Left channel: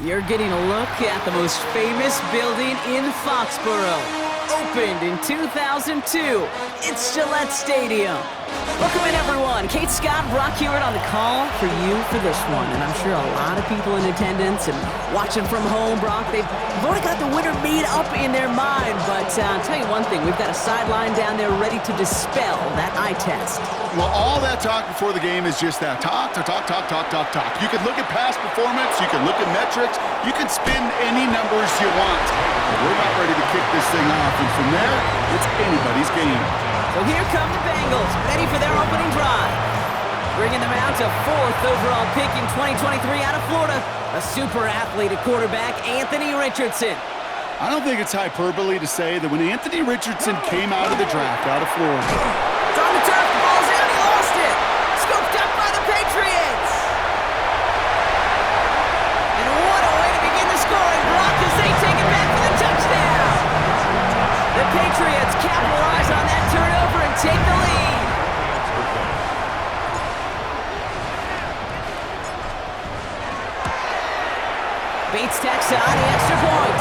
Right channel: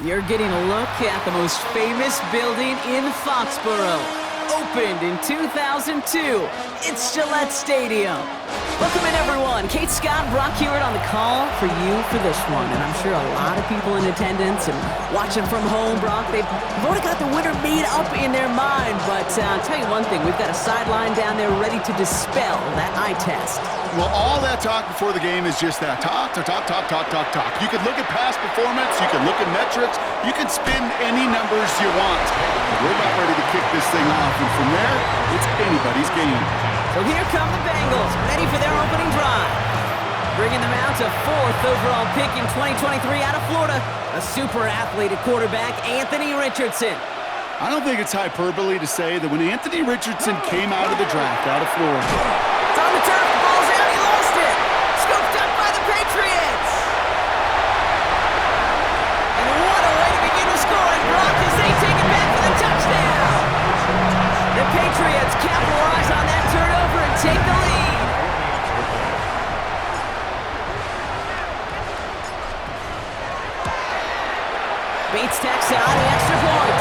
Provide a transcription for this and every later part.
You're getting a look at the most famous building in Foxborough. Opened in 2002, it's Gillette Stadium. Welcome in, everyone. Kate Scott and Brock Hewitt on the call for you for this one. And I'm sure a lot of people in attendance and watching from home, Brock, they've already got the winner made up in their mind. But I'll tell you one thing, we've got a sideline down there ready to dispel that eye test. Well, all that talk before the game is just that. Talk. You can look at past performance, you can look at metrics, you can spin any numbers you want. But we're about ready to kick this thing off, and from there, it's anybody's game. So here come the Bengals, ready for their opening drive. Bringing them out to 4th overall pick in 2023 out of Florida, a super athlete at quarterback, Anthony Richardson. I don't think it's hyperbole to say that when Anthony Richardson came out of the draft out of Florida. It's on the turf, the ball's out, he lost it. Scooped up by the Patriots. And what a way to begin the scoring, Brock, as they take it back for the touchdown. The Patriots capitalize on that turnover and take the lead. Bates tacks on the extra point.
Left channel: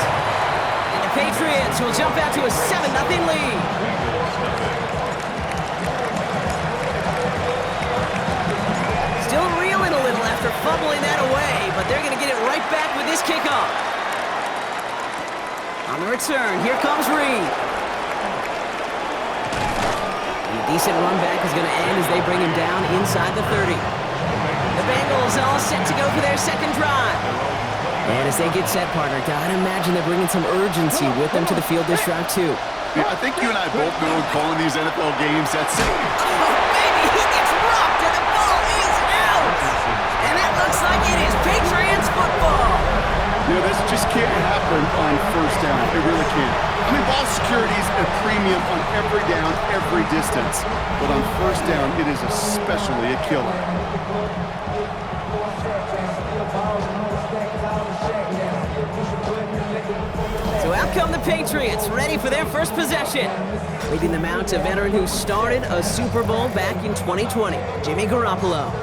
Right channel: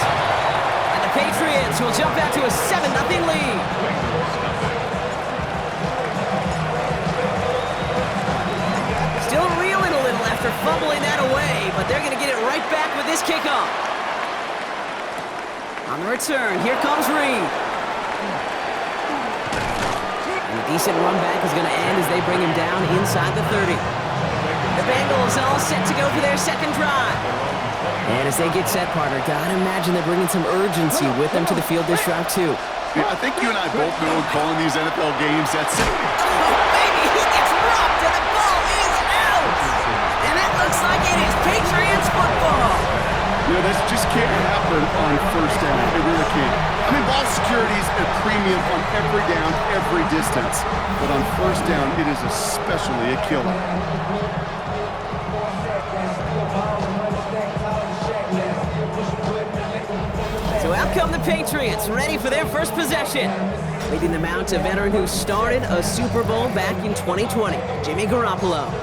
And the Patriots will jump out to a 7-0 lead. Still reeling a little after fumbling that away, but they're going to get it right back with this kickoff. On the return, here comes Reed. And a decent run back is going to end as they bring him down inside the 30. The Bengals all set to go for their second drive. And as they get set, partner, gotta imagine they're bringing some urgency with them to the field this drive, too. Yeah, I think you and I both know in calling these NFL games, that's it. Oh, baby, he gets rocked and the ball is out! And it looks like it is Patriots football! You know, this just can't happen on first down. It really can't. I mean, ball security's a premium on every down, every distance. But on first down, it is especially a killer. So out come the Patriots, ready for their first possession. Leading them out to veteran who started a Super Bowl back in 2020, Jimmy Garoppolo.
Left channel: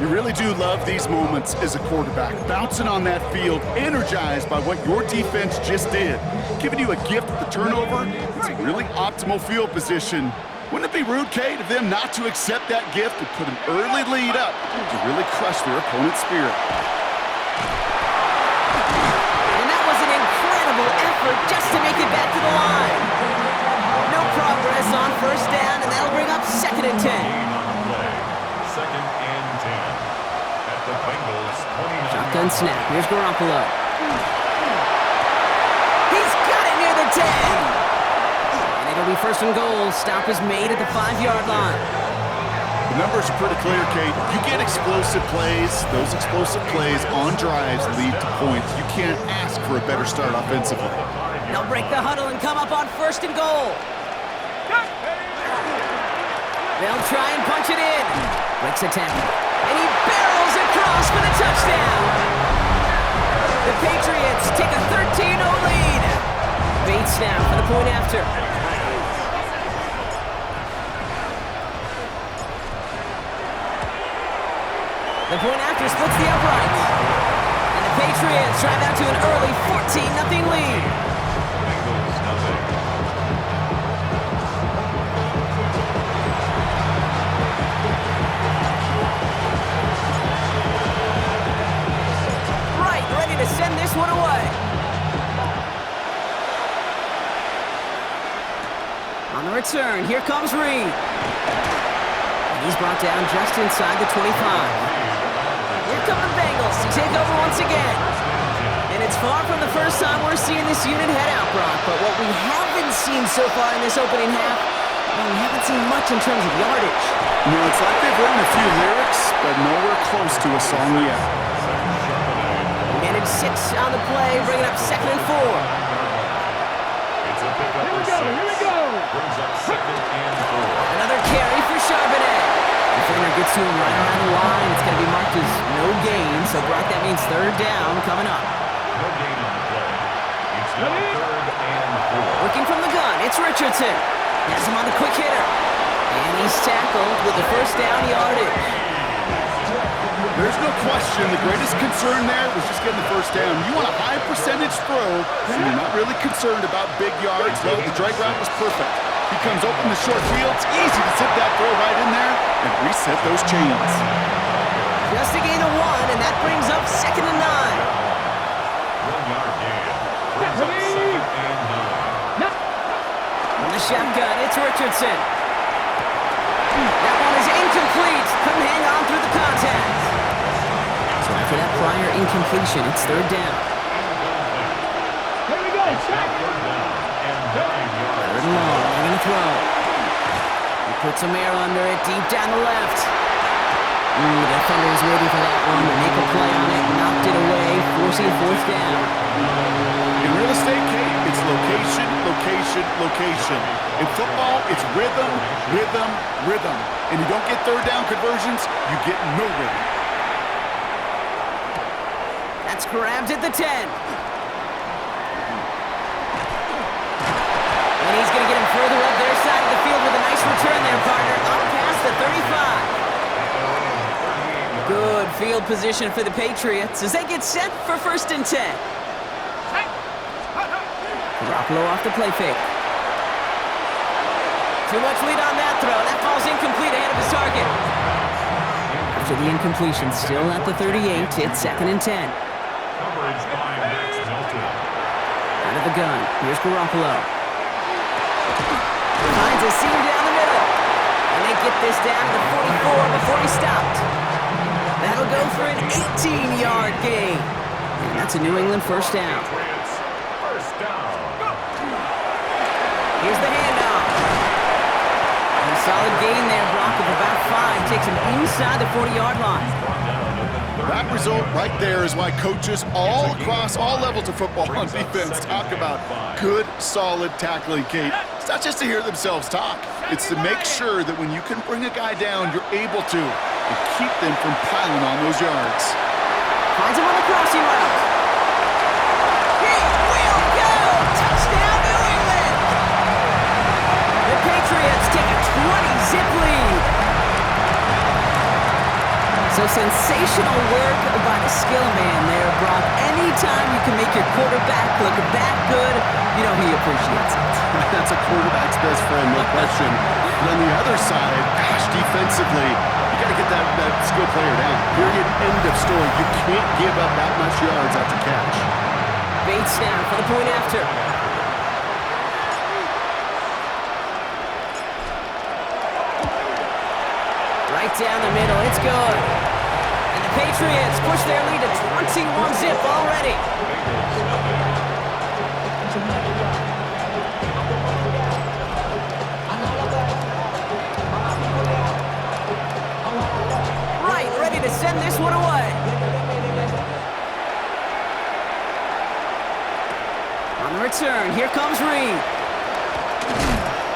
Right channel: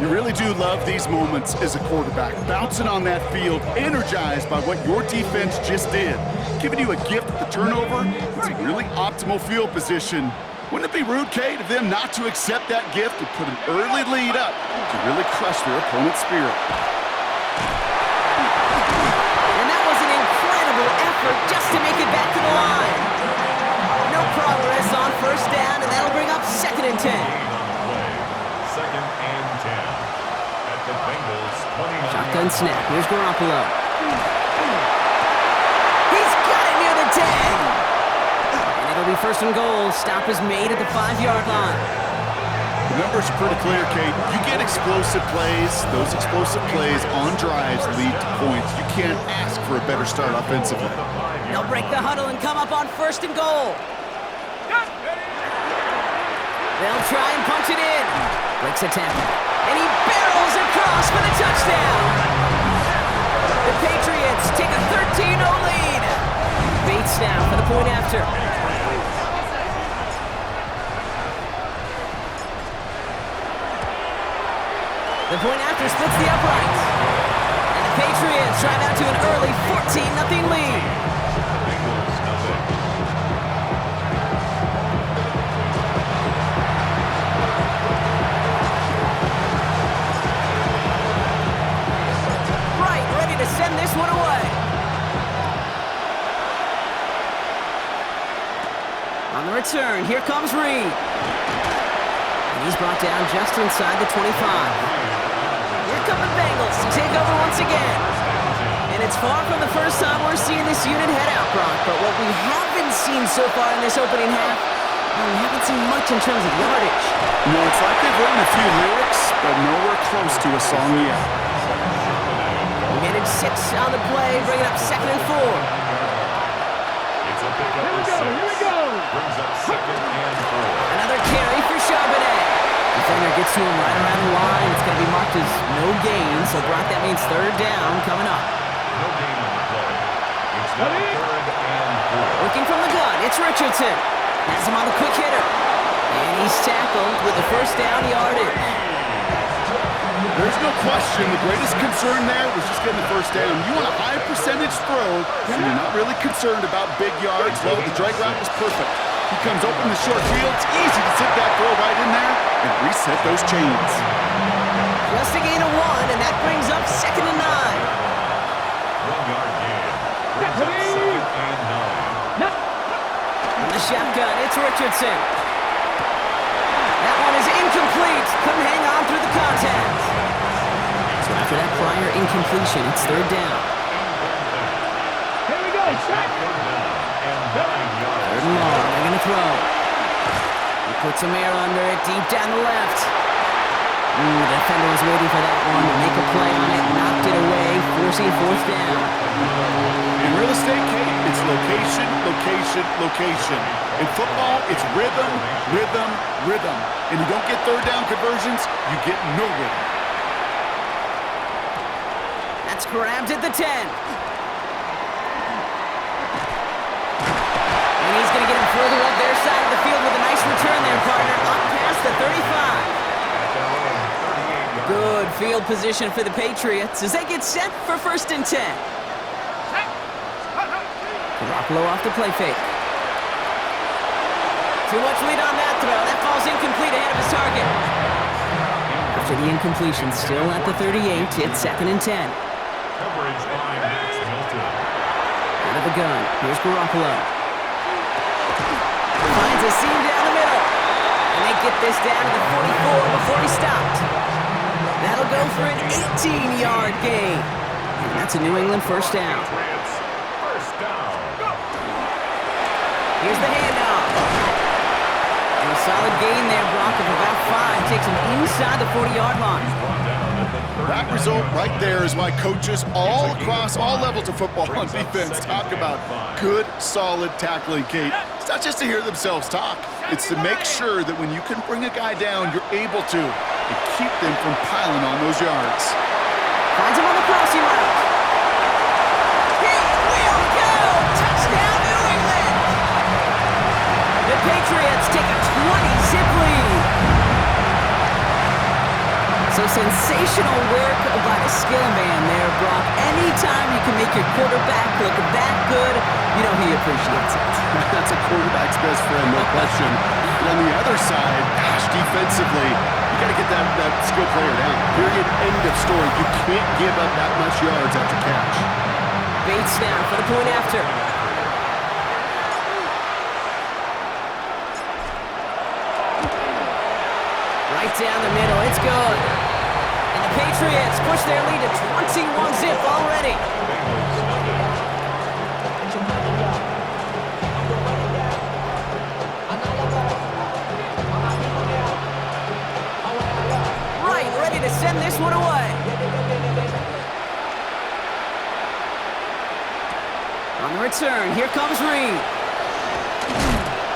You really do love these moments as a quarterback, bouncing on that field, energized by what your defense just did. Giving you a gift with the turnover, it's a really optimal field position. Wouldn't it be rude, Kate, of them not to accept that gift and put an early lead up to really crush their opponent's spirit? And that was an incredible effort just to make it back to the line. No progress on first down, and that'll bring up 2nd and 10. Second and 10 at the Bengals 29. Shotgun snap. Here's Garoppolo. He's got it near the 10. And it'll be 1st and goal. Stop is made at the 5-yard line. The numbers are pretty clear, Kate. You get explosive plays. Those explosive plays on drives lead to points. You can't ask for a better start offensively. They'll break the huddle and come up on 1st and goal. They'll try and punch it in. Breaks a tackle. And he barrels across for the touchdown. The Patriots take a 13-0 lead. Bates now for the point after. The point after splits the uprights. And the Patriots drive out to an early 14-0 lead. Bengals nothing. To send this one away. On the return, here comes Reed. And he's brought down just inside the 25. Here come the Bengals to take over once again. And it's far from the first time we're seeing this unit head out, Brock. But what we haven't seen so far in this opening half, well, we haven't seen much in terms of yardage. No, it's like they've written a few lyrics, but nowhere close to a song yet. Managed 6 on the play, bringing up 2nd and 4. It's a pickup of 6. Here we go. Brings up 2nd and 4. Another carry for Charbonnet. Defender gets to him right around the line. It's going to be marked as no gain, so Brock, that means 3rd down coming up. No gain on the play. It's now 3rd and 4. Working from the gun, it's Richardson. Has him on the quick hitter. And he's tackled with the 1st down yardage. There's no question the greatest concern there was just getting the first down. You want a high percentage throw, and you're not really concerned about big yards. Well, the drag route was perfect. He comes open the short field. It's easy to zip that throw right in there and reset those chains. Just a gain of 1, and that brings up 2nd and 9. 1 yard gain. Brings up 2nd and 9. From the shotgun, it's Richardson. That one is incomplete. Couldn't hang on through the contact. So after that prior incompletion, it's 3rd down. Here we go. It's 3rd down and 9 yards. 3rd and long. They're going to throw. He puts some air under it, deep down the left. The defender was waiting for that one to make a play on it, knocked it away, forcing 4th down. In real estate, Kate, it's location, location, location. In football, it's rhythm, rhythm, rhythm. And you don't get 3rd down conversions, you get no rhythm. That's grabbed at the 10. And he's going to get him further up their side of the field with a nice return there, partner, up past the 35. Good field position for the Patriots as they get set for 1st and 10. Garoppolo off the play fake. Too much lead on that throw. That falls incomplete ahead of his target. After the incompletion, still at the 38, it's 2nd and 10. Coverage by Max Milton. Out of the gun, here's Garoppolo. Finds a seam down the middle. And they get this down to the 44 before he stopped. That'll go for an 18-yard gain. And that's a New England 1st down. First down. Here's the handoff. And a solid gain there, Brock, of about 5. Takes him inside the 40-yard line. That result right there is why coaches all across all levels of football on defense talk about good, solid tackling, Kate. It's not just to hear themselves talk. It's to make sure that when you can bring a guy down, you're able to, and keep them from piling on those yards. Finds him on the crossing route. He will go! Touchdown, New England! The Patriots take a 20-zip lead. So sensational work by the skill man there, Brock. Anytime you can make your quarterback look that good, you know he appreciates it. That's a quarterback's best friend, no question. But on the other side, gosh, defensively, you got to get that skill player down. Period. End of story. You can't give up that much yards after catch. Bates now for the point after. Right down the middle. It's good. And the Patriots push their lead to 21-zip already. Right, ready to send this one away. On the return, here comes Reed.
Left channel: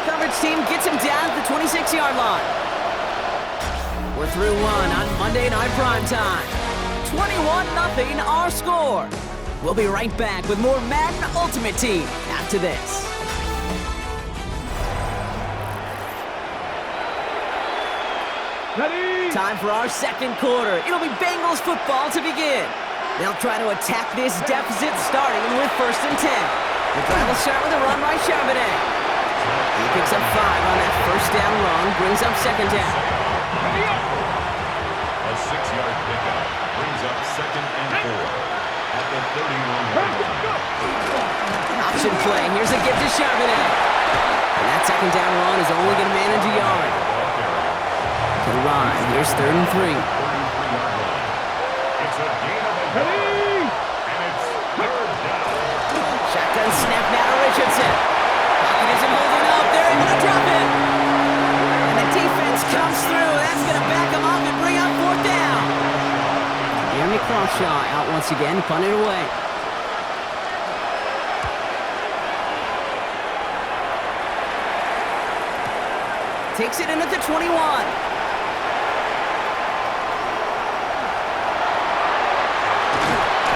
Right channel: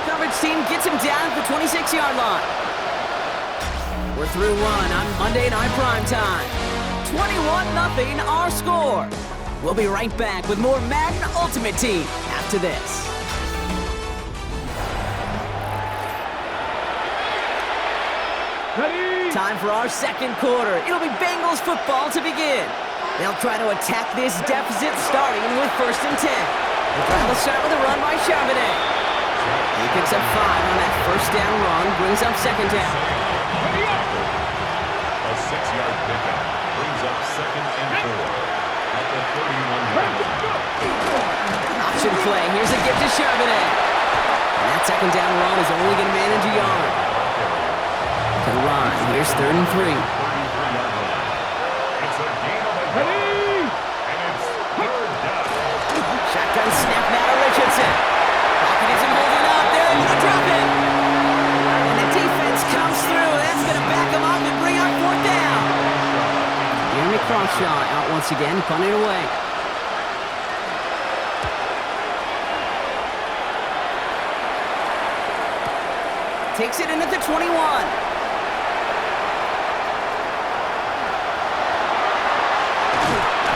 Coverage team gets him down at the 26-yard line. We're through 1 on Monday Night Primetime. 21-0 our score. We'll be right back with more Madden Ultimate Team after this. Ready? Time for our 2nd quarter. It'll be Bengals football to begin. They'll try to attack this deficit starting with 1st and 10. The drive will start with a run by Charbonnet. He picks up 5 on that 1st down run, brings up 2nd down. A 6-yard pickup brings up 2nd and 4 at the 31-yard line. Option play. Here's a gift to Charbonnet. And that 2nd down run is only going to manage a yard. To the line. Here's 3rd and 3. 33-yard line. It's a gain of a yard. And it's 3rd down. Shotgun snap now to Richardson. Pocket isn't holding up. They're able to drop it. And the defense comes through. That's going to back them up and bring up 4th down. Jeremy Crawshaw out once again, punted away. Takes it in at the 21.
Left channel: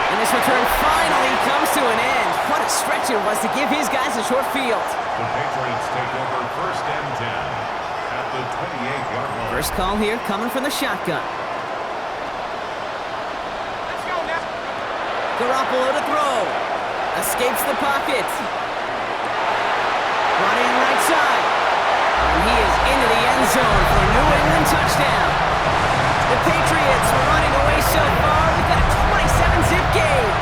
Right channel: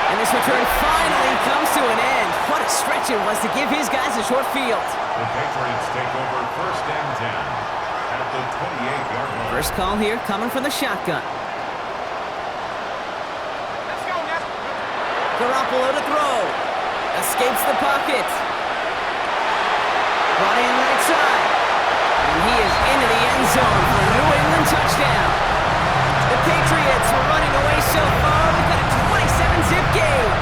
And this return finally comes to an end. What a stretch it was to give his guys a short field. The Patriots take over 1st and 10 at the 28-yard line. First call here coming from the shotgun. Garoppolo to throw. Escapes the pocket. Brought in right side. And he is into the end zone for a New England touchdown. The Patriots were running away so far. We've got a 27-zip game.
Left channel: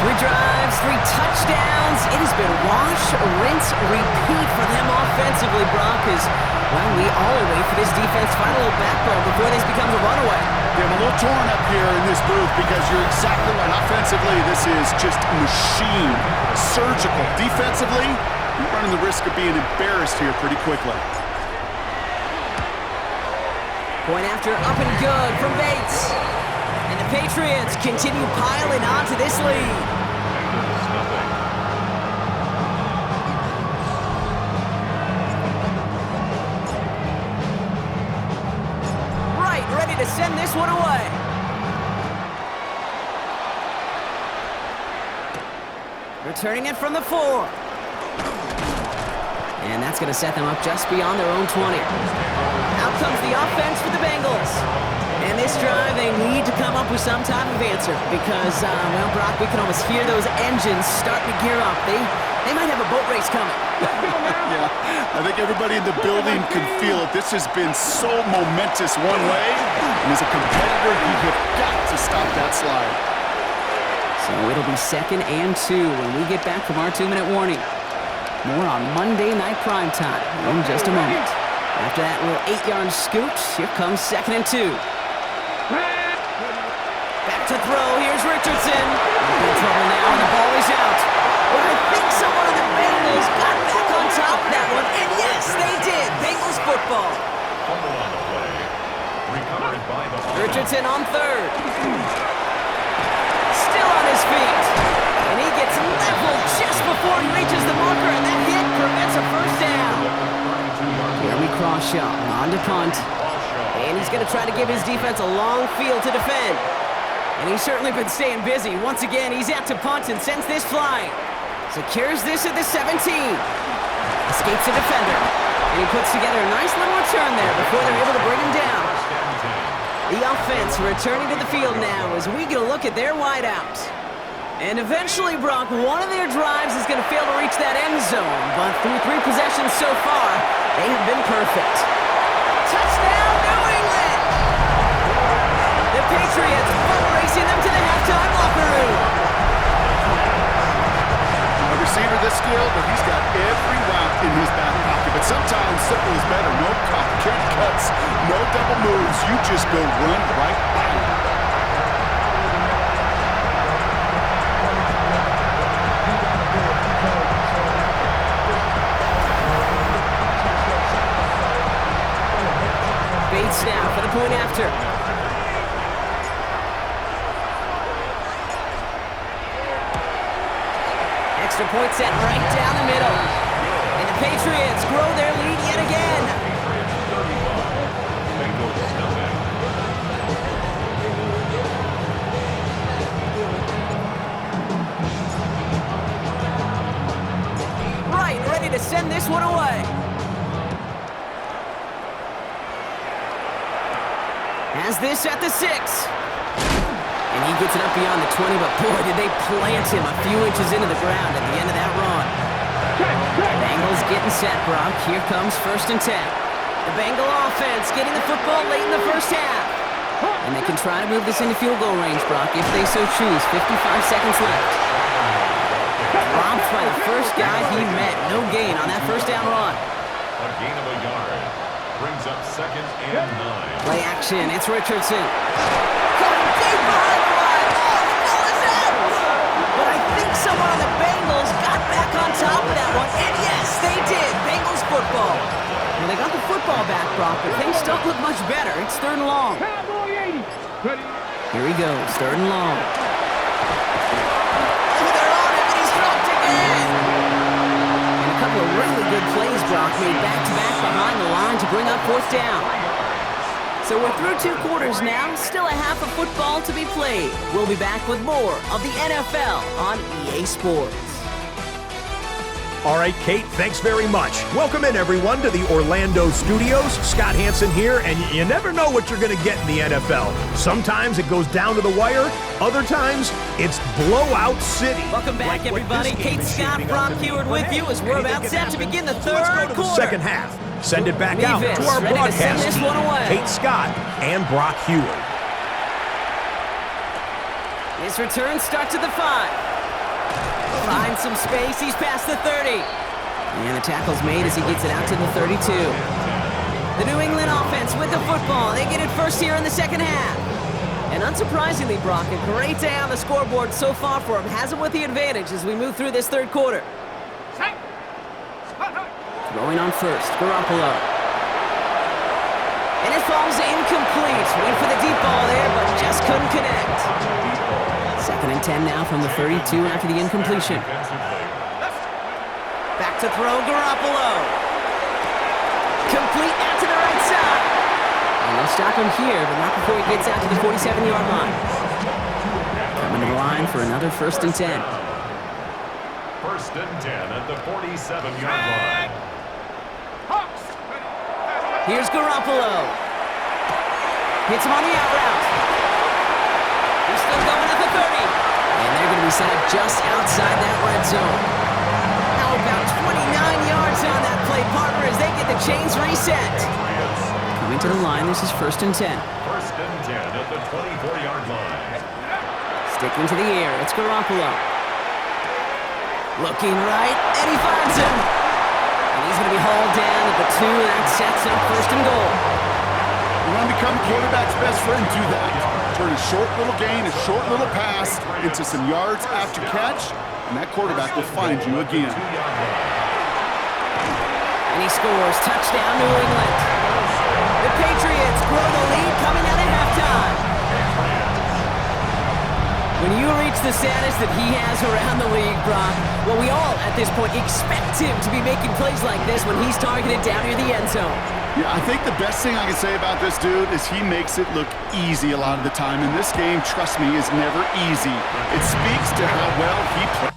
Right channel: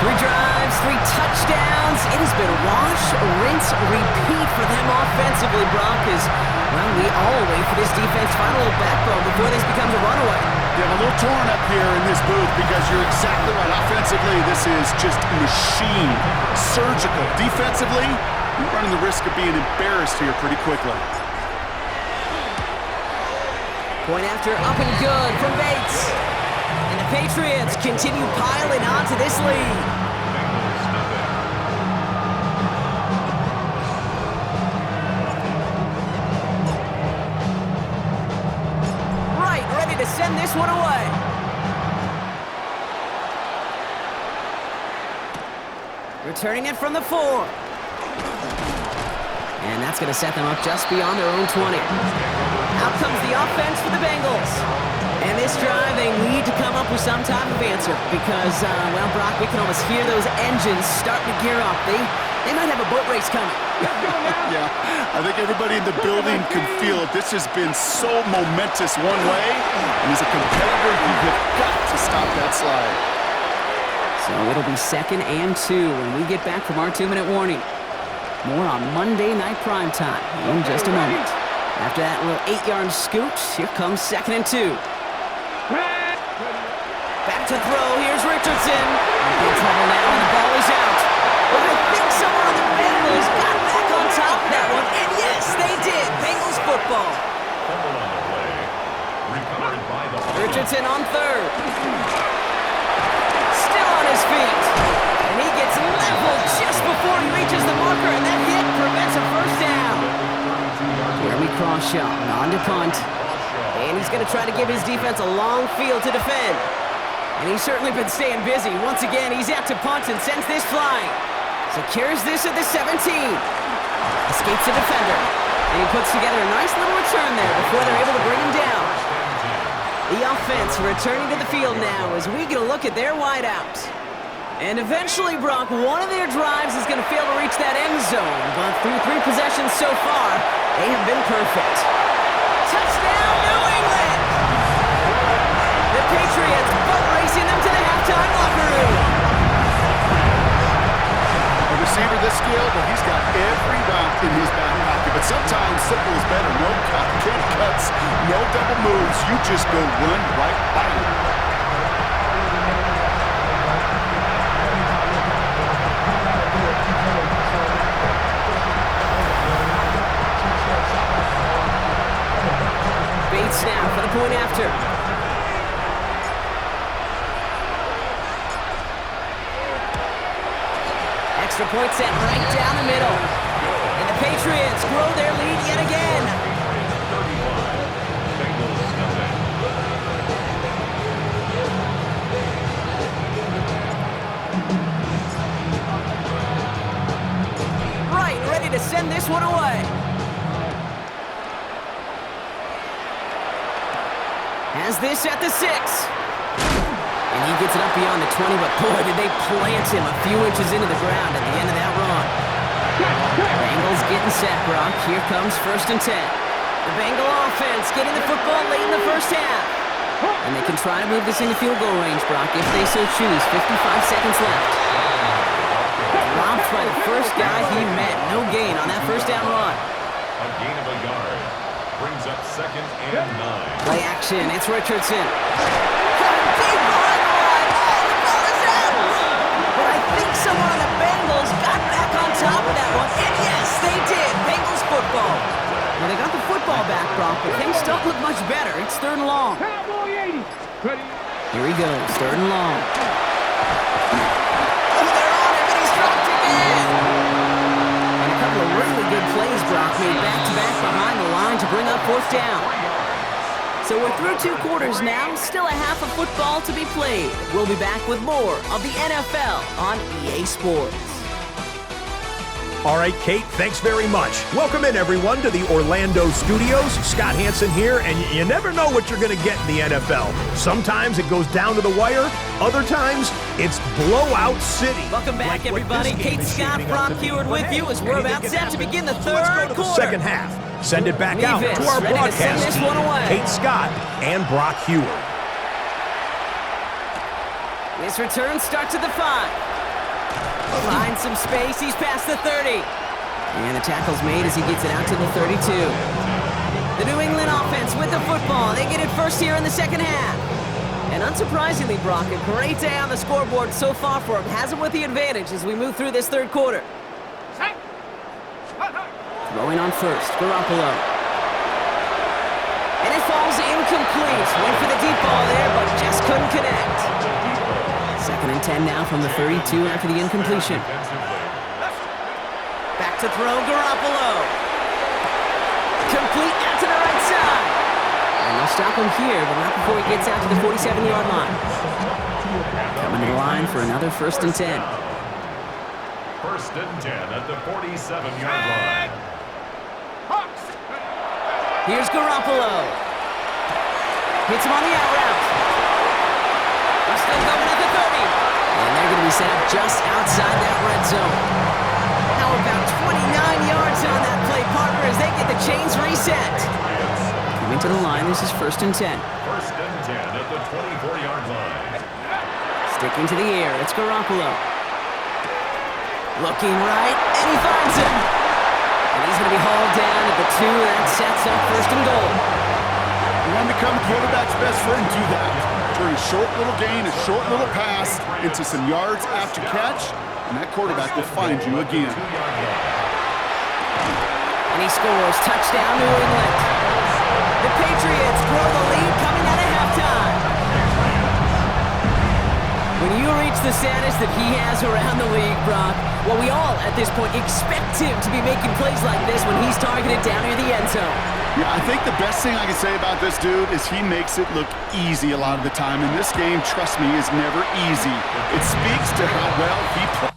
3 drives, 3 touchdowns. It has been wash, rinse, repeat for them offensively, Brock, as, well, we all wait for this defense to find a little backbone before this becomes a runaway. Yeah, I'm a little torn up here in this booth because you're exactly right. Offensively, this is just machine, surgical. Defensively, you're running the risk of being embarrassed here pretty quickly. Point after, up and good from Bates. And the Patriots continue piling on to this lead. Bengals nothing. Right, ready to send this one away. Returning it from the 4. And that's going to set them up just beyond their own 20. Out comes the offense for the Bengals. And this drive, they need to come up with some type of answer because, well, Brock, we can almost hear those engines starting to gear up. They might have a boat race coming. Yeah, I think everybody in the building can feel it. This has been so momentous one way, and as a competitor, you have got to stop that slide. So it'll be 2nd and 2 when we get back from our 2-minute warning. More on Monday Night Primetime in just a moment. After that little 8-yard scoot, here comes 2nd and 2. Back to throw, here's Richardson. In trouble now, and the ball is out. But I think someone on the Bengals got back on top of that one, and yes, they did. Bengals football. Fumble on the play. Recovered by the offense. Richardson on 3rd. Still on his feet. And he gets leveled just before he reaches the marker, and that hit prevents a first down. Jeremy Crawshaw on to punt. And he's going to try to give his defense a long field to defend. And he's certainly been staying busy. Once again, he's out to punt and sends this flying. Secures this at the 17. Escapes the defender. And he puts together a nice little return there before they're able to bring him down. The offense returning to the field now as we get a look at their wideouts. And eventually, Brock, one of their drives is going to fail to reach that end zone. But through 3 possessions so far, they have been perfect. Touchdown, New England! The Patriots boat racing them to the halftime locker room. A receiver this skilled, but he's got every route in his back pocket. But sometimes simple is better. No complicated cuts, no double moves. You just go run right by him. Bates now for the point after. Extra point set right down the middle. And the Patriots grow their lead yet again. Patriots 35. Bengals nothing. Right, ready to send this one away. Has this at the 6. And he gets it up beyond the 20, but boy, did they plant him a few inches into the ground at the end of that run. Bengals getting set, Brock. Here comes 1st and 10. The Bengal offense getting the football late in the first half. And they can try to move this into field goal range, Brock, if they so choose. 55 seconds left. Dropped by the first guy he met. No gain on that first down run. A gain of a yard. Brings up 2nd and 9. Play action. It's Richardson. Coming deep behind the line. Oh, the ball is out! But I think someone on the Bengals got back on top of that one. And yes, they did. Bengals football. Well, they got the football back, Brock, but things don't look much better. It's 3rd and long. Here he goes. 3rd and long. Oh, they're on him, and he's dropped again. And a couple of really good plays, Brock, made back-to-back behind the line to bring up 4th down. So we're through 2 quarters now, still a half of football to be played. We'll be back with more of the NFL on EA Sports. All right, Kate, thanks very much. Welcome in, everyone, to the Orlando studios. Scott Hansen here, and you never know what you're going to get in the NFL. Sometimes it goes down to the wire. Other times, it's blowout city. Welcome back, everybody. Kate Scott, Brock Heward with you as we're about set to begin the So let's go third to the quarter. second half. Send it back out Levis, to our ready to send broadcast this team, one away. Kate Scott and Brock Heward. His return starts at the 5. Finds some space. He's past the 30. And the tackle's made as he gets it out to the 32. The New England offense with the football. They get it first here in the second half. And unsurprisingly, Brock, a great day on the scoreboard so far for him. Has him with the advantage as we move through this third quarter. Throwing on first, Garoppolo. And it falls incomplete. Went for the deep ball there, but just couldn't connect. 2nd and 10 now from the 32 after the incompletion. Back to throw, Garoppolo. Complete out to the right side. And they'll stop him here, but not before he gets out to the 47-yard line. Coming to the line for another 1st and 10. 1st and 10 at the 47-yard line. Here's Garoppolo. Hits him on the out route. They're still going at the 30. And they're going to be set up just outside that red zone. How about 29 yards on that play, partner, as they get the chains reset. Coming to the line, this is 1st and 10. 1st and 10 at the 24-yard line. Sticking to the air, it's Garoppolo. Looking right, and he finds him. And he's going to be hauled down at the 2, and that sets up 1st and goal. You want to become a quarterback's best friend, do that. Turn a short little gain, a short little pass into some yards after catch, and that quarterback will find you again. And he scores. Touchdown, New England. The Patriots grow the lead coming out of halftime. When you reach the status that he has around the league, Brock, well, we all, at this point, expect him to be making plays like this when he's targeted down near the end zone. Yeah, I think the best thing I can say about this dude is he makes it look easy a lot of the time. And this game, trust me, is never easy. It speaks to how well he plays.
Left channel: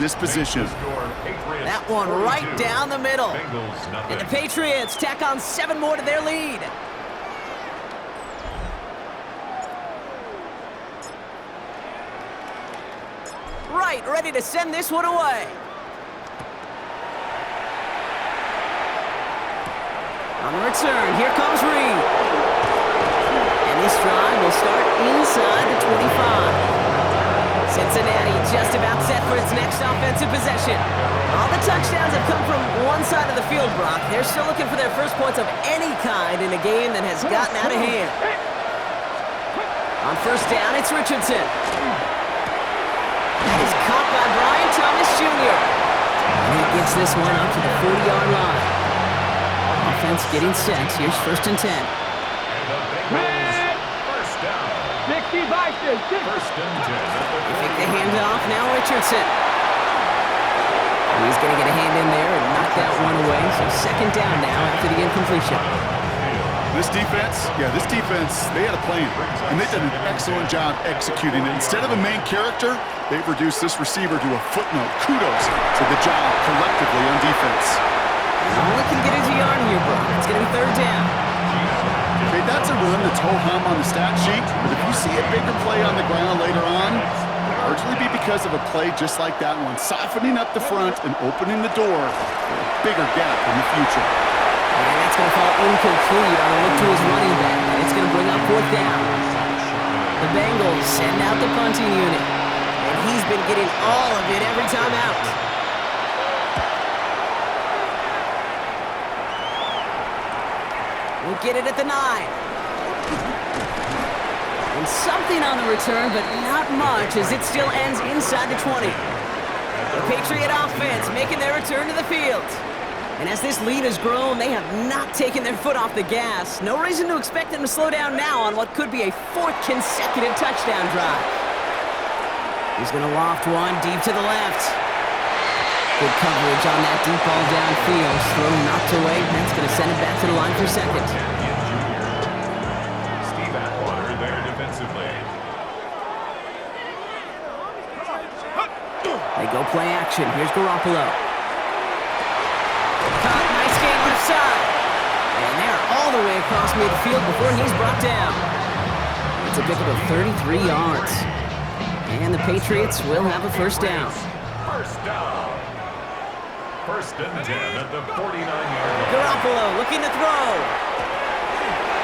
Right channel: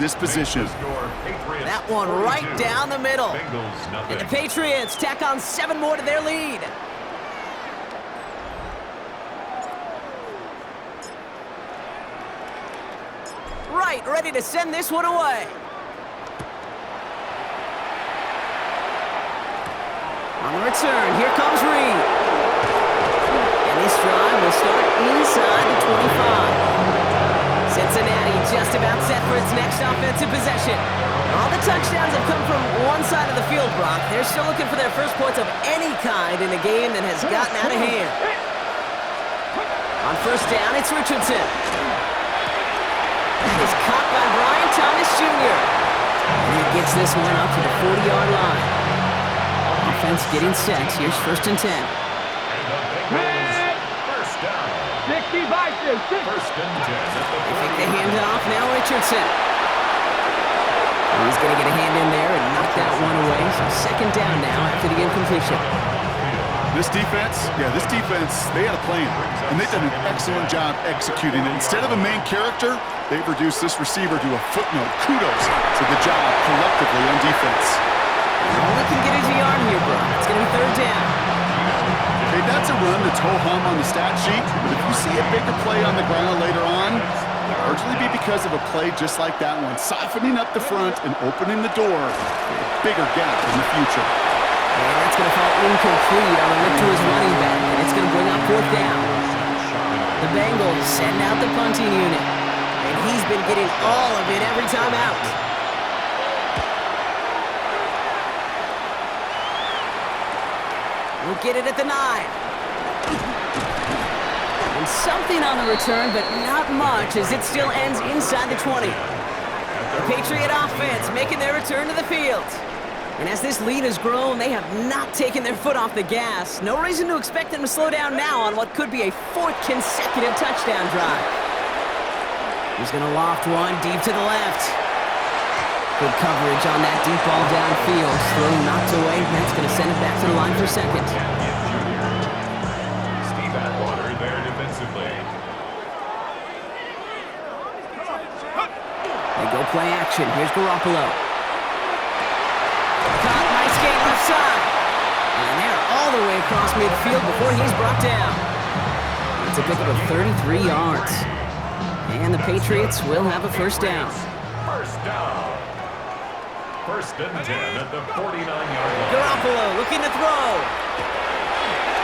This position. That one right down the middle. And the Patriots tack on 7 more to their lead. Right, ready to send this one away. On the return, here comes Reed. And this drive will start inside the 25. Cincinnati just about set for its next offensive possession. All the touchdowns have come from one side of the field, Brock. They're still looking for their first points of any kind in a game that has gotten out of hand. On 1st down, it's Richardson. That is caught by Brian Thomas Jr. And he gets this one up to the 40-yard line. Offense getting set. Here's 1st and 10. And the Bengals, 1st down. 1st and 10 at the They take the handoff, now Richardson. He's going to get a hand in there and knock that one away. So 2nd down now after the incompletion. This defense, they had a plan, and they've done an excellent job executing it. Instead of a main character, they've reduced this receiver to a footnote. Kudos to the job collectively on defense. And all it can get is a yard here, Brock. It's going to be 3rd down. Okay, that's a run that's ho-hum on the stat sheet, but if you see a bigger play on the ground later on, it'll largely be because of a play just like that one, softening up the front and opening the door for a bigger gap in the future. And that's going to fall incomplete on a look to his running back, and it's going to bring up 4th down. The Bengals send out the punting unit, and he's been getting all of it every time out. We'll get it at the 9. And something on the return, but not much, as it still ends inside the 20. The Patriot offense making their return to the field. And as this lead has grown, they have not taken their foot off the gas. No reason to expect them to slow down now on what could be a 4th consecutive touchdown drive. He's going to loft one deep to the left. Good coverage on that deep ball downfield. Throw knocked away. That's going to send it back to the line for second. Steve Atwater there defensively. They go play action. Here's Garoppolo. Caught, nice gain left side. And they're all the way across midfield before he's brought down. It's a pickup of 33 yards. And the Patriots will have a first down. First down. 1st and 10 at the 49-yard line. Garoppolo looking to throw.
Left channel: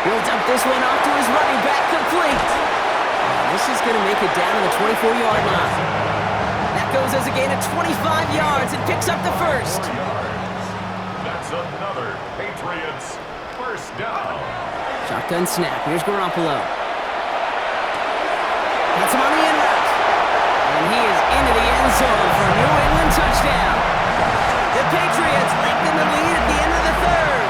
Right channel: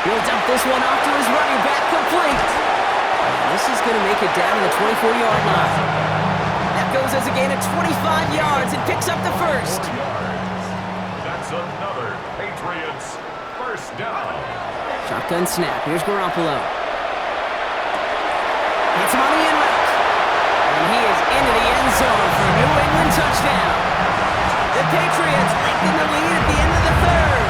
He'll dump this one off to his running back, complete. And this is going to make it down to the 24-yard line. That goes as a gain of 25 yards and picks up the first. 4 yards. That's another Patriots first down. Shotgun snap. Here's Garoppolo. Hits him on the in route. And he is into the end zone for a New England touchdown. The Patriots lengthen the lead at the end of the 3rd.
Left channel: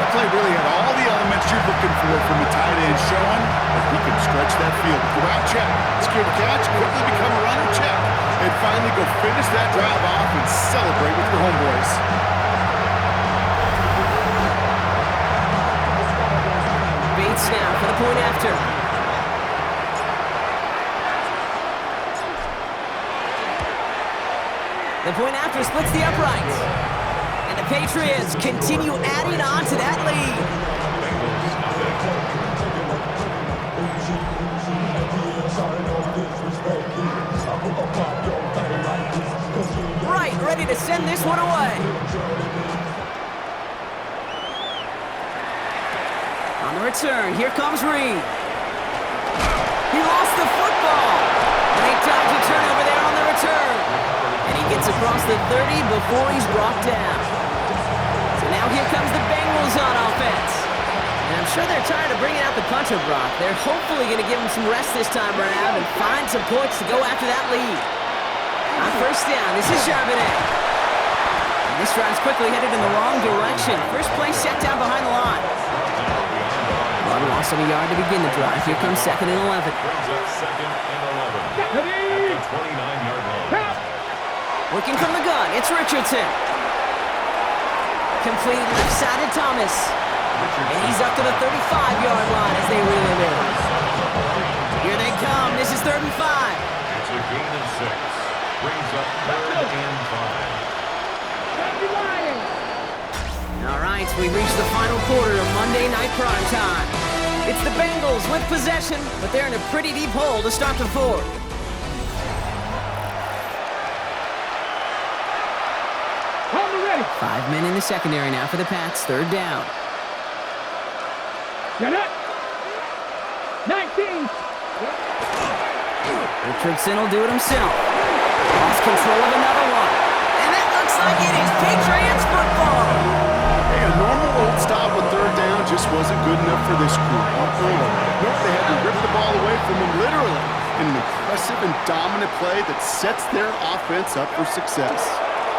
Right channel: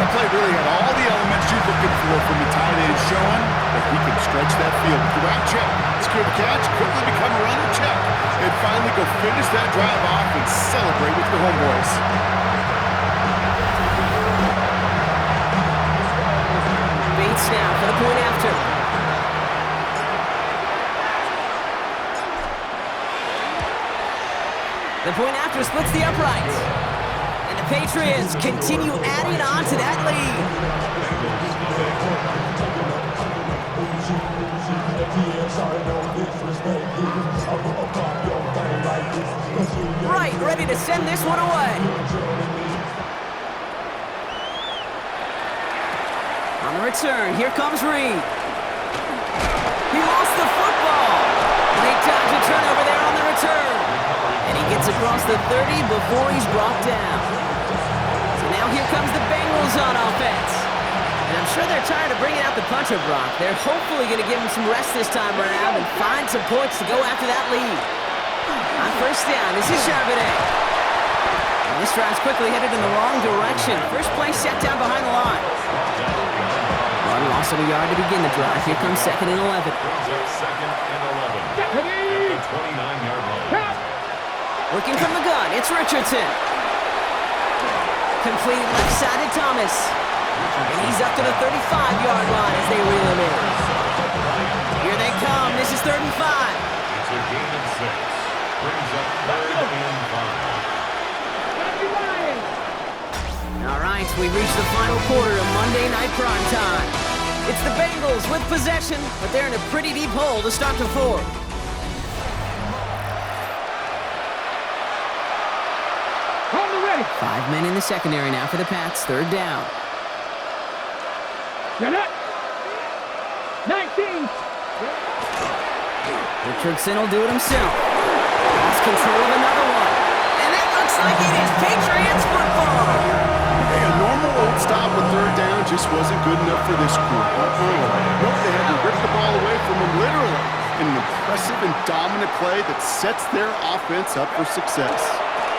That play really had all the elements you're looking for from a tight end, showing that he can stretch that field. With the route check, secure the catch, quickly become a runner check, and finally go finish that drive off and celebrate with your homeboys. Bates now for the point after. The point after splits the uprights. And the Patriots continue adding on to that lead. Right, ready to send this one away. On the return, here comes Reed. He lost the football. And they dodge a turnover there on the return. And he gets across the 30 before he's brought down. So now here comes the Bengals on offense. And I'm sure they're tired of bringing out the punter, Brock. They're hopefully going to give him some rest this time around and find some points to go after that lead. On first down, this is Charbonnet. And this drive's quickly headed in the wrong direction. First play set down behind the line. Martin lost on a yard to begin the drive. Here comes 2nd and 11. Brings up 2nd and 11 at the 29-yard line. Working from the gun, it's Richardson. Completed left side to Thomas. And he's up to the 35-yard line as they reel him in. Here they come. This is 3rd and 5. It's a gain of 6. Brings up 3rd and 5. All right, we've reached the final quarter of Monday Night Prime Time. It's the Bengals with possession, but they're in a pretty deep hole to start the 4th. Hold it ready. 5 men in the secondary now for the Pats. 3rd down. Get it. 19. Richardson will do it himself. Lost control of another one. And that looks like it is Patriots football. Hey, a normal old stop with 3rd down just wasn't good enough for this crew. Nope, they had to rip the ball away from them literally in an impressive and dominant play that sets their offense up for success.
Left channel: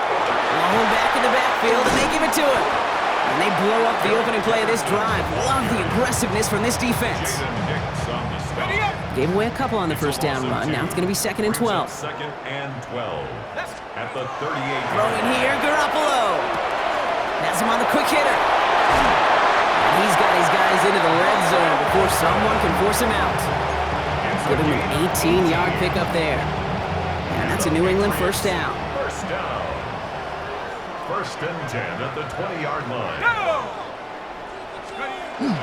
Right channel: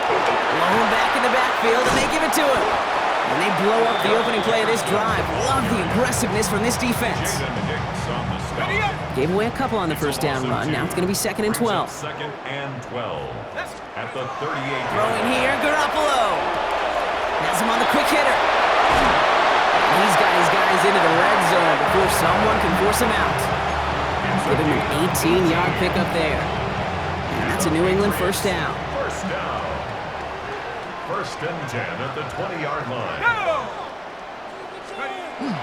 Blown back in the backfield, and they give it to him. And they blow up the opening play of this drive. Love the aggressiveness from this defense. Gave away a couple on the first down run. Now it's going to be 2nd and 12. 2nd and 12 at the 38. Throwing here, Garoppolo. Has him on the quick hitter. And he's got his guys into the red zone before someone can force him out. Give him an 18-yard pickup there. And that's a New England first down. First down. 1st and 10 at the 20-yard line.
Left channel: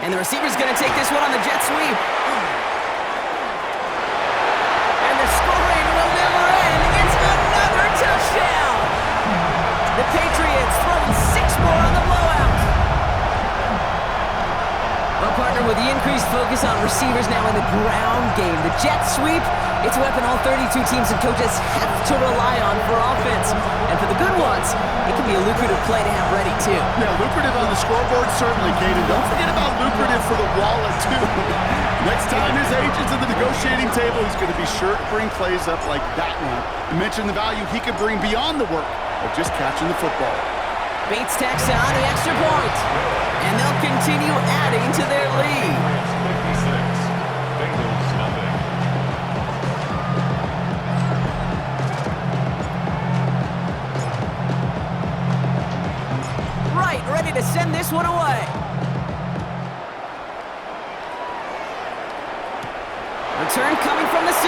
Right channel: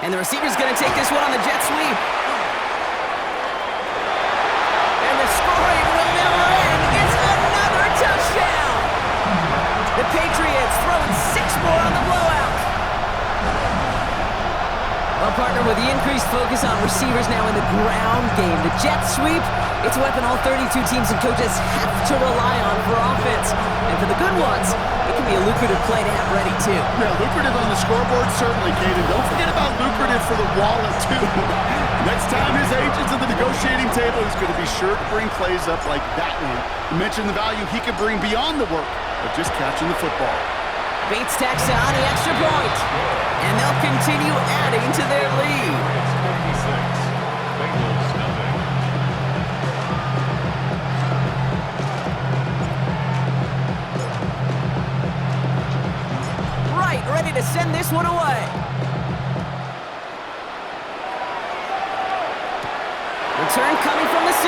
And the receiver's going to take this one on the jet sweep. And the scoring will never end. It's another touchdown. The Patriots throwing 6 more on the blowout. Well, partner, with the increased focus on receivers now in the ground game, the jet sweep, it's a weapon all 32 teams and coaches have to rely on for offense. And for the good ones, it can be a lucrative play to have ready, too. Yeah, lucrative on the scoreboard, certainly, Caden. Don't forget about lucrative for the wallet, too. Next time his agent's at the negotiating table, he's going to be sure to bring plays up like that one. You mentioned the value he could bring beyond the work of just catching the football. Bates tacks on the extra point, and they'll continue adding to their lead. It's 56. Bengals nothing. Right, ready to send this one away. Return coming from the 6.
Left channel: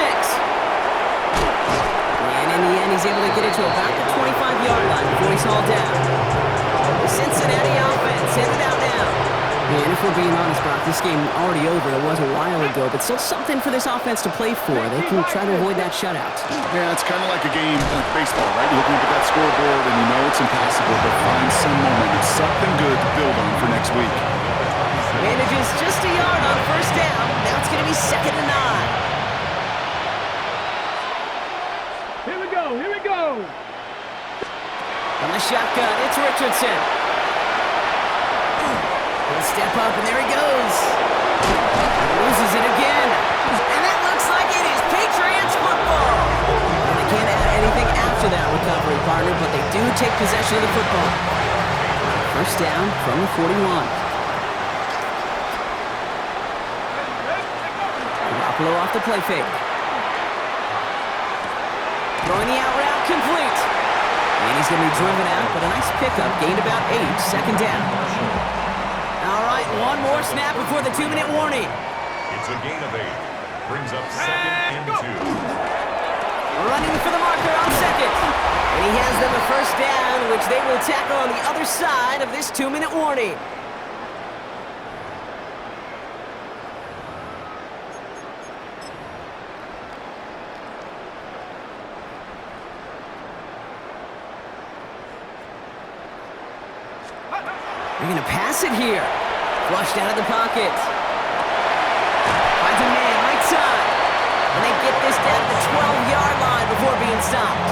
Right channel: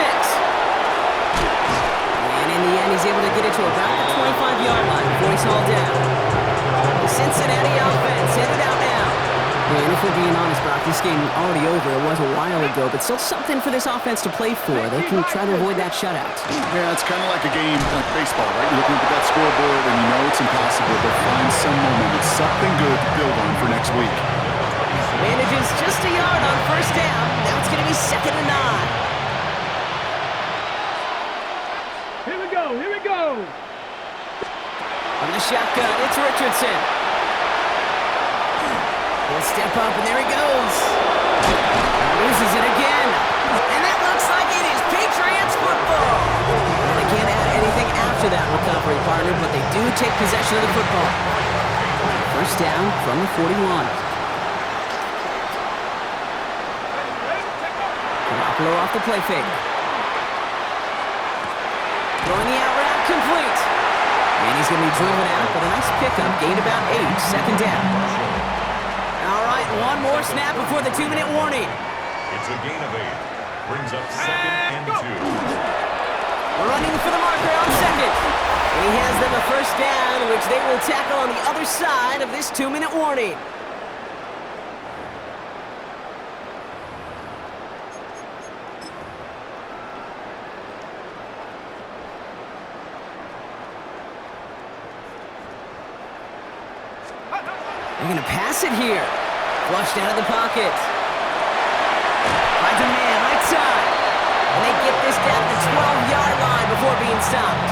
And in the end, he's able to get it to about the 25-yard line before he's hauled down. The Cincinnati offense headed out now. And if we're being honest, Brock, this game already over. It was a while ago, but still something for this offense to play for. They can try to avoid that shutout. Yeah, it's kind of like a game, like baseball, right? You're looking up at that scoreboard, and you know it's impossible, but find some momentum, something good to build on for next week. Manages just a yard on first down. Now it's going to be 2nd and 9. Here we go. Here we go. From the shotgun, it's Richardson. He'll step up, and there he goes. And loses it again. And that looks like it is Patriots football. And they can't add anything after that recovery, partner, but they do take possession of the football. First down from the 41. Garoppolo off the play fake. Throwing the out route complete. And he's going to be driven out, but a nice pickup. Gained about 8, 2nd down. All right, one more snap before the 2-minute warning. It's a gain of 8. Brings up 2nd and 2. Running for the marker on 2nd. And he has them a first down, which they will tackle on the other side of this 2-minute warning. They're going to pass it here. Flushed out of the pocket. Finds a man right side. And they get this down to the 12-yard line before being stopped.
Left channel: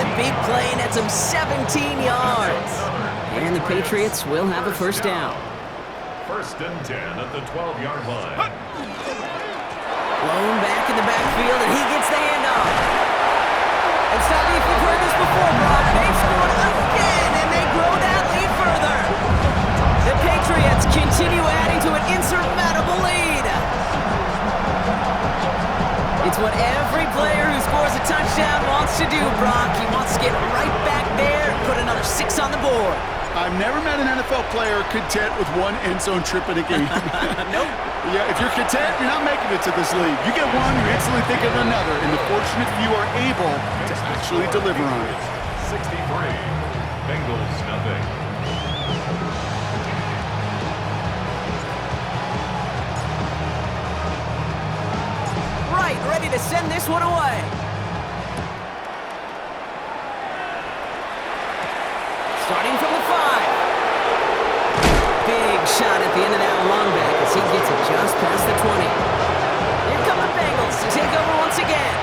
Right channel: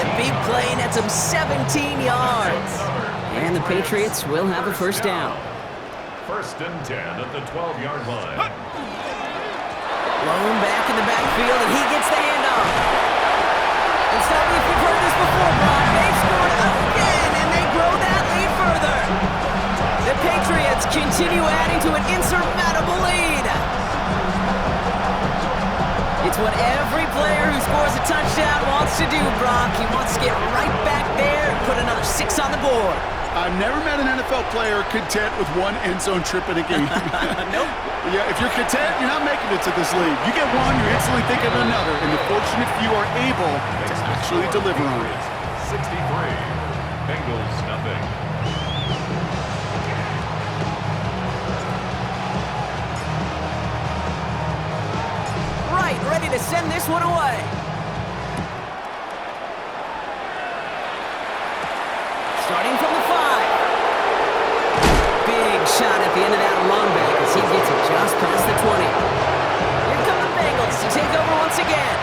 The big play nets them 17 yards. And the Patriots will have a first down. 1st and 10 at the 12-yard line. Blown back in the backfield, and he gets the handoff. And stop me if you've heard this before, Brock. They've scored again, and they grow that lead further. The Patriots continue adding to an insurmountable lead. It's what every player who scores a touchdown wants to do, Brock. He wants to get right back there and put another 6 on the board. I've never met an NFL player content with one end zone trip in a game. Nope. Yeah, if you're content, you're not making it to this league. You get one, you're instantly thinking of another, and the fortunate few are able to actually deliver on it. 63. Bengals nothing. Right, ready to send this one away. Starting from the 5. Big shot at the end of that long back as he gets it just past the 20. Here come the Bengals to take over once again.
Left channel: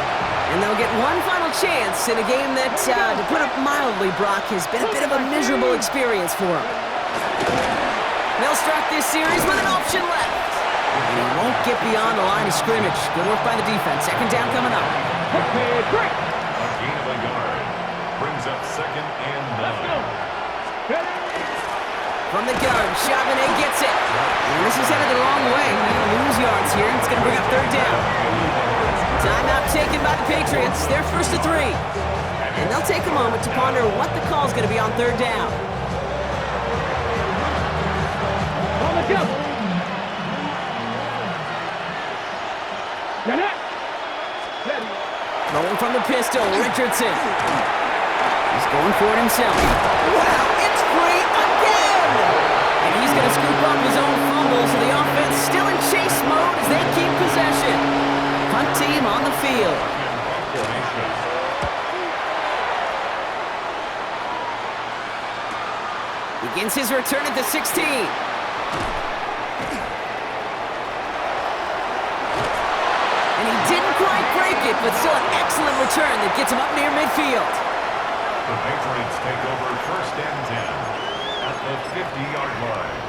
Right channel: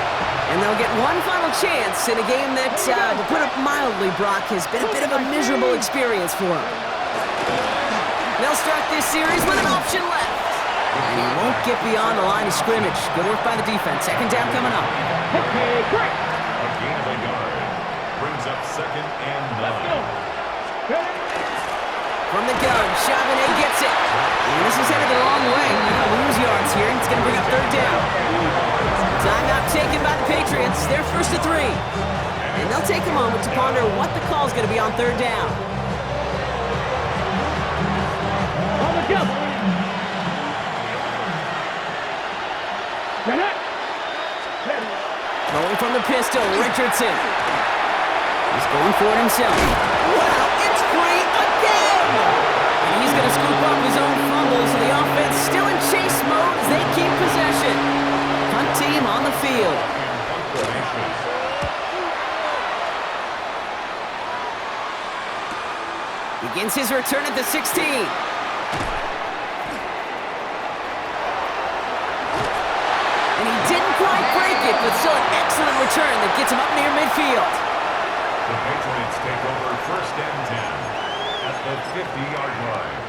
And they'll get one final chance in a game that, to put it mildly, Brock, has been a bit of a miserable experience for them. They'll start this series with an option left. And he won't get beyond the line of scrimmage. Good work by the defense. 2nd down coming up. Okay, great. A gain of a yard. Brings up 2nd and 9. Let's go. Ready? From the gun, Charbonnet gets it. And this is headed the wrong way. They're going to lose yards here. It's going to bring up 3rd down. Timeout taken by the Patriots. They're 1st and 3. And they'll take a moment to ponder what the call is going to be on 3rd down. On the jump. Ready? Ready. Throwing from the pistol, Richardson. He's going for it himself. Wow, it's free again! And he's going to scoop up his own fumble, so the offense still in chase mode as they keep possession. Punt team on the field. Begins his return at the 16. And he didn't quite break it, but still an excellent return that gets him up near midfield. The Patriots take over 1st and 10 at the 50-yard line.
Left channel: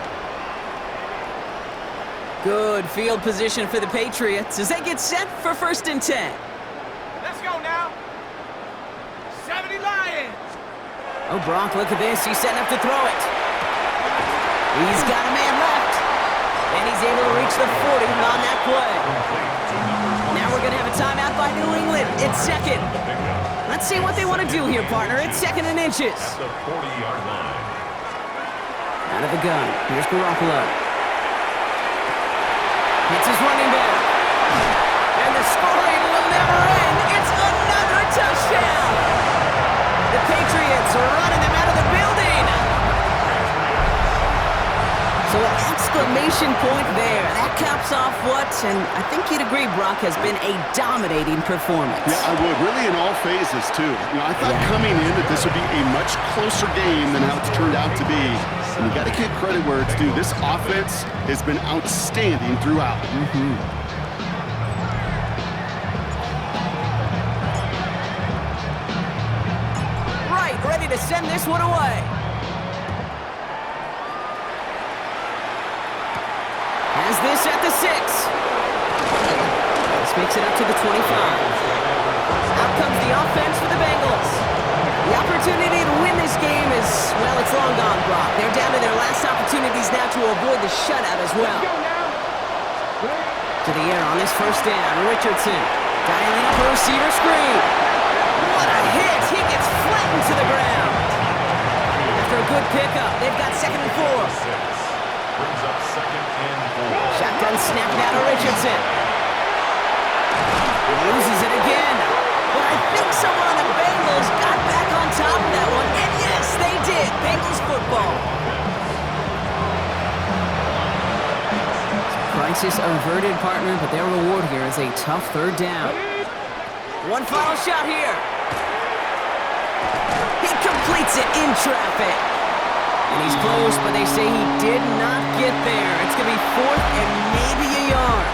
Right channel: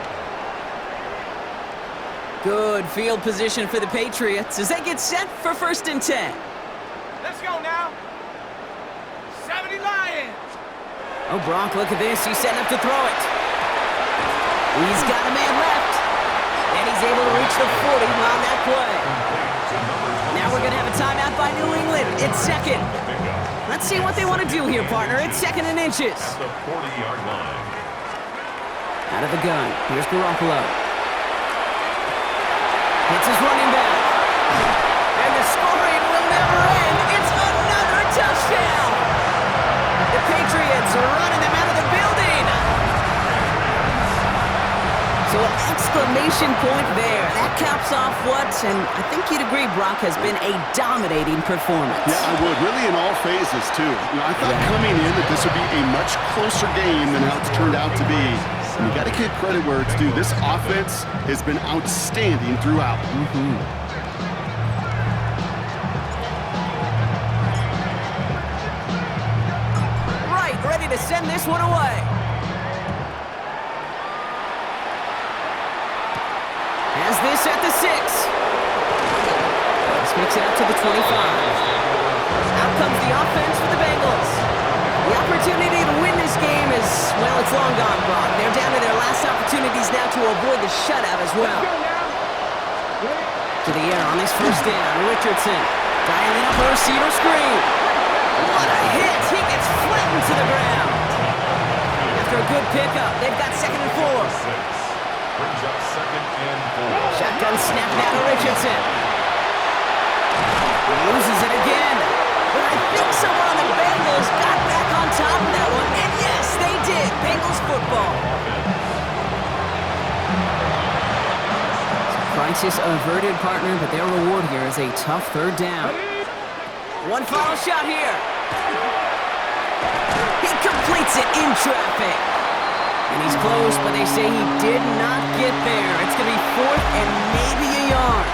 Good field position for the Patriots as they get set for 1st and 10. Let's go now. 70 Lions. Oh, Brock, look at this. He's setting up to throw it. He's got a man left. And he's able to reach the 40 on that play. Now we're going to have a timeout by New England. It's second. Let's see what they want to do here, partner. It's 2nd and inches. At the 40-yard line. Out of the gun. Here's Garoppolo. Hits his running back. And the scoring will never end. It's another touchdown. The Patriots are running them out of the building. So an exclamation point there. That caps off what, and I think you'd agree, Brock, has been a dominating performance. Yeah, I would. Really in all phases, too. I thought coming in that this would be a much closer game than how it's turned out to be. And you got to give credit where it's due. This offense has been outstanding throughout. Right, ready to send this one away. Has this at the 6. This makes it up to the 25. Out comes the offense for the Bengals. The opportunity to win this game is, well, it's long gone, Brock. They're down to their last opportunities now to avoid the shutout as well. To the air on this 1st down. Richardson dialing up a receiver screen. What a hit! He gets flattened to the ground. After a good pickup, they've got 2nd and 4. Brings up 2nd and 4. Shotgun snap now to Richardson. He loses it again. But I think someone on the Bengals got back on top of that one. And yes, they did. Bengals football. Crisis averted, partner, but their reward here is a tough 3rd down. One final shot here. He completes it in traffic. And he's close, but they say he did not get there. It's going to be 4th and maybe a yard.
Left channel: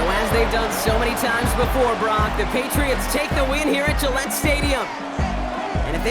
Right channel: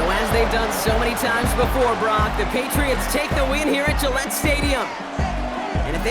So as they've done so many times before, Brock, the Patriots take the win here at Gillette Stadium. And if they